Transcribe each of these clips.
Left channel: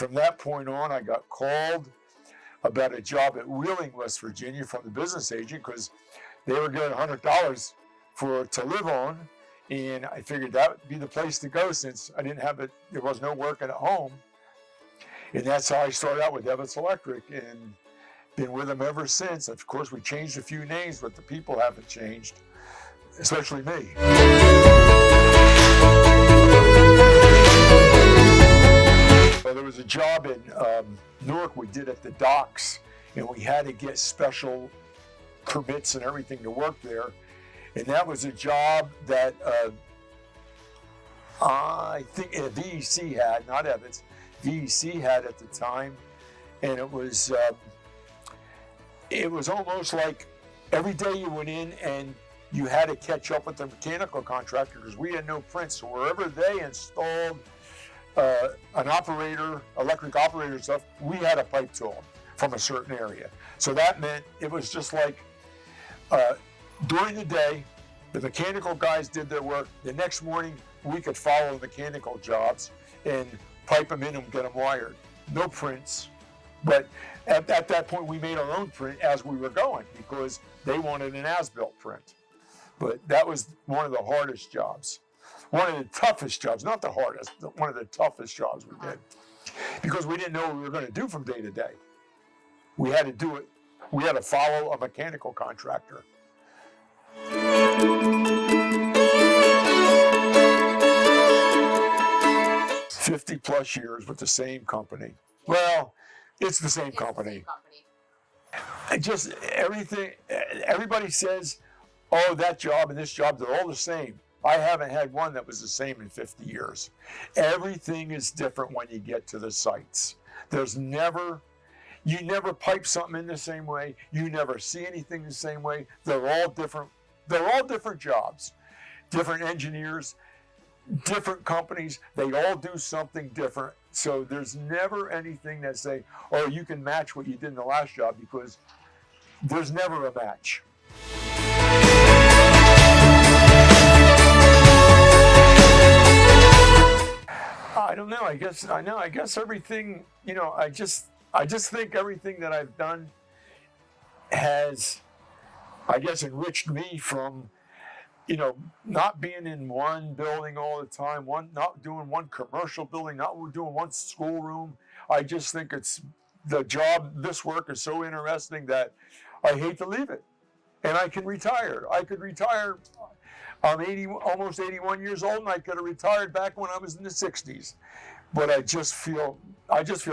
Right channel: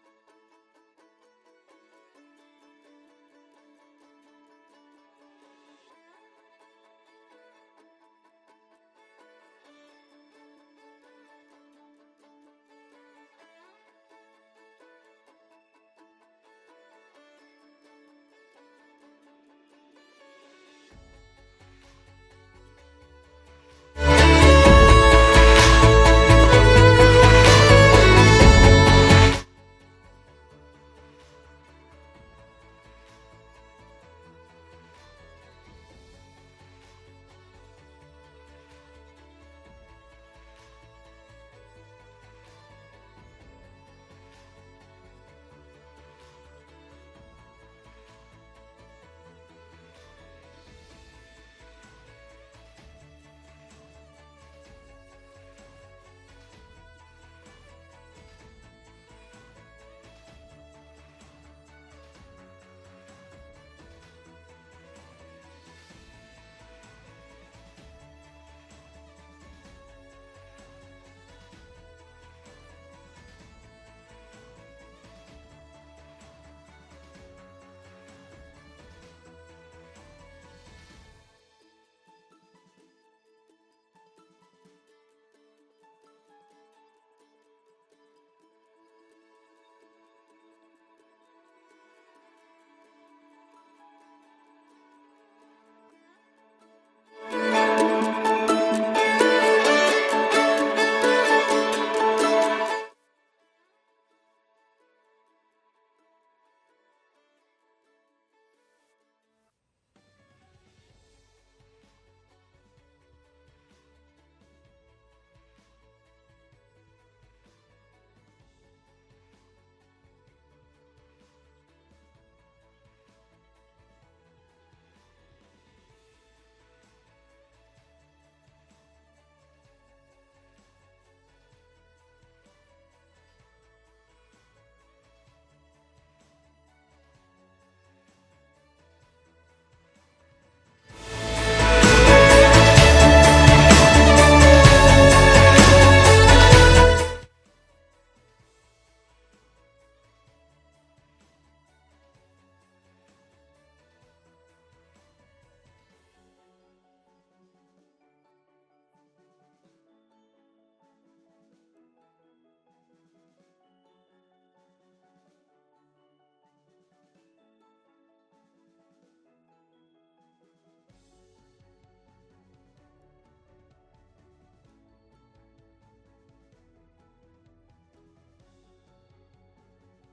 from that point on, I got called about a job at Wheeling, West Virginia from the business agent because they were getting $100 to live on. And I figured that would be the place to go since I didn't have it, there was no work at home. And that's how I started out with Evets Electric and been with them ever since. Of course, we changed a few names, but the people haven't changed, especially me. Well, there was a job in Newark we did at the docks, and we had to get special permits and everything to work there. And that was a job that I think VEC had, not Evets, VEC had at the time. And it was almost like every day you went in and you had to catch up with the mechanical contractor because we had no prints. So wherever they installed an operator, electric operator stuff, we had a pipe to them from a certain area. So that meant it was just like during the day, the mechanical guys did their work. The next morning, we could follow the mechanical jobs and pipe them in and get them wired. No prints. But at that point, we made our own print as we were going because they wanted an as-built print. But that was one of the hardest jobs. One of the toughest jobs, not the hardest, one of the toughest jobs we did. Because we didn't know what we were going to do from day to day. We had to do it. We had to follow a mechanical contractor. 50+ years with the same company. Well, it's the same company. Just everything, everybody says, oh, that job and this job, they're all the same. I haven't had one that was the same in 50 years. Everything is different when you get to the sites. You never pipe something in the same way. You never see anything the same way. They're all different. They're all different jobs, different engineers, different companies. They all do something different. So there's never anything that say, oh, you can match what you did in the last job, because there's never a match. I don't know. I guess everything, I just think everything that I've done has, I guess, enriched me from, not being in one building all the time, not doing one commercial building, not doing one schoolroom. I just think the job, this work is so interesting that I hate to leave it. And I can retire. I could retire. I'm almost 81 years old, and I could have retired back when I was in the 60s. But I just feel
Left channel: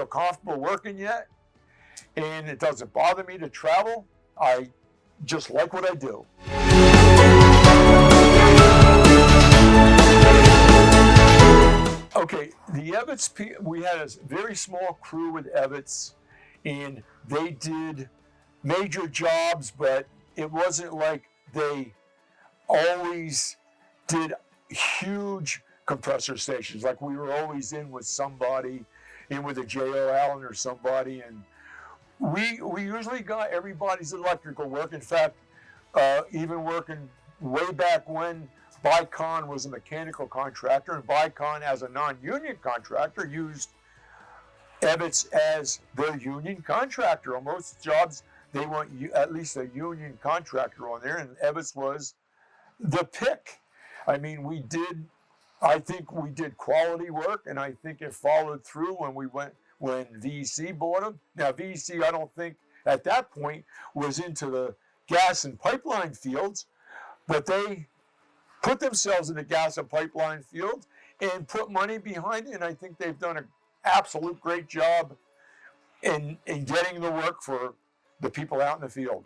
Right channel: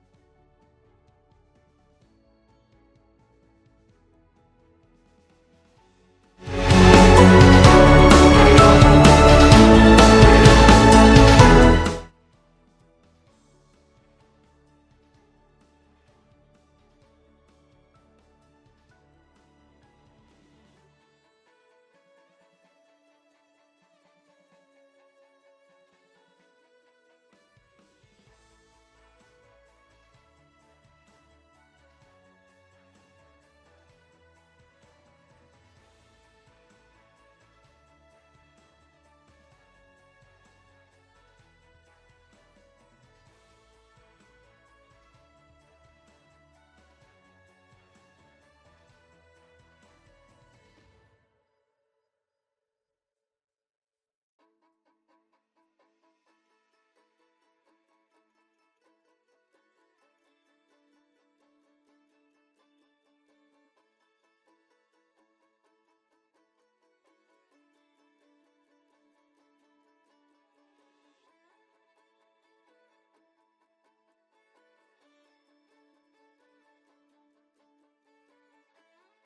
comfortable working yet, and it doesn't bother me to travel. I just like what I do. Okay, the Evets, we had a very small crew with Evets, and they did major jobs, but it wasn't like they always did huge compressor stations. Like we were always in with somebody, in with a J.O. Allen or somebody, and we usually got everybody's electrical work. In fact, even working way back when Vicon was a mechanical contractor, and Vicon as a non-union contractor used Evets as their union contractor. On most jobs, they want at least a union contractor on there, and Evets was the pick. I mean, I think we did quality work, and I think it followed through when VEC bought them. Now, VEC, I don't think at that point was into the gas and pipeline fields, but they put themselves in the gas and pipeline field and put money behind it, and I think they've done an absolute great job in getting the work for the people out in the field.